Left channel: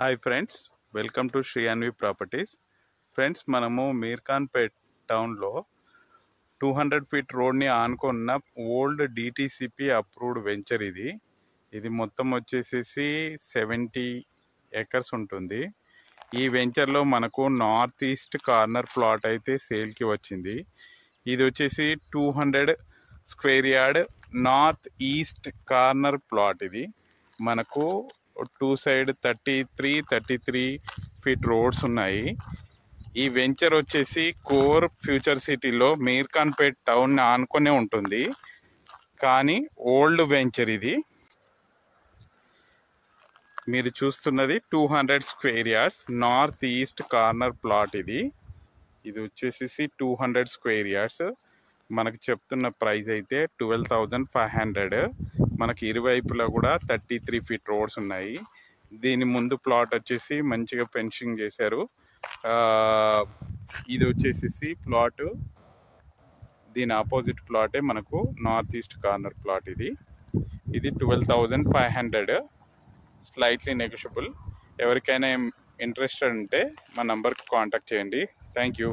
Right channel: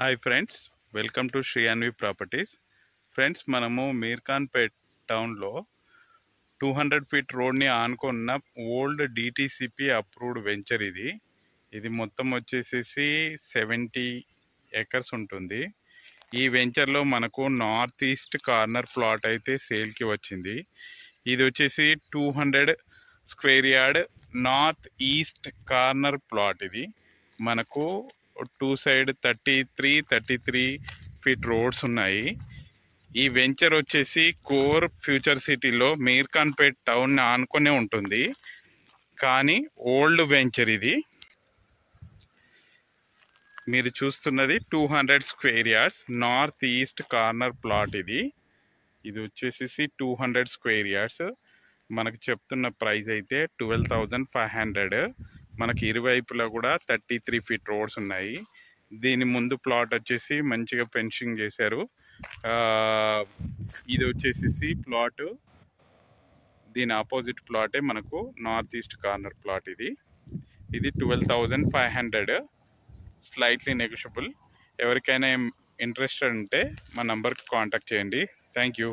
Hi friends, welcome to Sri Anvi properties. Friends, మనము మీర్ఖాన్పేట్ టౌన్లో 200 feet రోడ్ని ఆనుకున్న ఓల్డ్ డిటిసిపి అప్రూవ్డ్ వెంచర్ ఇది మొత్తం వచ్చేసేసి 70 ఎకర్స్ ఉంటుంది. ఈ వెంచర్లో మనకు నార్త్ ఈస్ట్ కార్నర్ ప్లాట్ అయితే సేల్కి వచ్చింది. ఇది వచ్చేసి 200 square yard north east corner plot. ఇది మనకు టూ సైడ్ 33 ఫీట్ రోడ్స్ ఉన్నాయి. ఈ వెంచర్ వచ్చేసి కోర్ ఫ్యూచర్ సిటీలో మీర్ఖాన్పేట్ టౌన్ ఆనుకునే ఉంటుంది. కానీ ఓల్డ్ వెంచర్ ఇది. మీరు చూస్తున్నది 200 square yards north east corner plot. ఇది వచ్చేసి 200 స్క్వేర్ యార్డ్స్. మనకు చెప్తున్న ప్రైస్ అయితే 12,500. మనకి ఇరువైపులా కూడా 33 ఫీట్ రోడ్స్ ఉన్నాయి. దీని ముందు ప్లాట్ వచ్చేసి మంచిగా ఫెన్సింగ్ చేశారు. ఇది వచ్చేసి ప్లాట్, దీని ఆపోజిట్ ప్లాటే మనకు నార్త్ ఈస్ట్ కార్నర్ ప్లాట్. ఇది 12,500, స్లైట్లీ నెగోషియబుల్. ఎవరికైనా ఇంట్రెస్టెడ్ ఉంటే మా నంబర్కి కాంటాక్ట్ చేయండి. Thank you.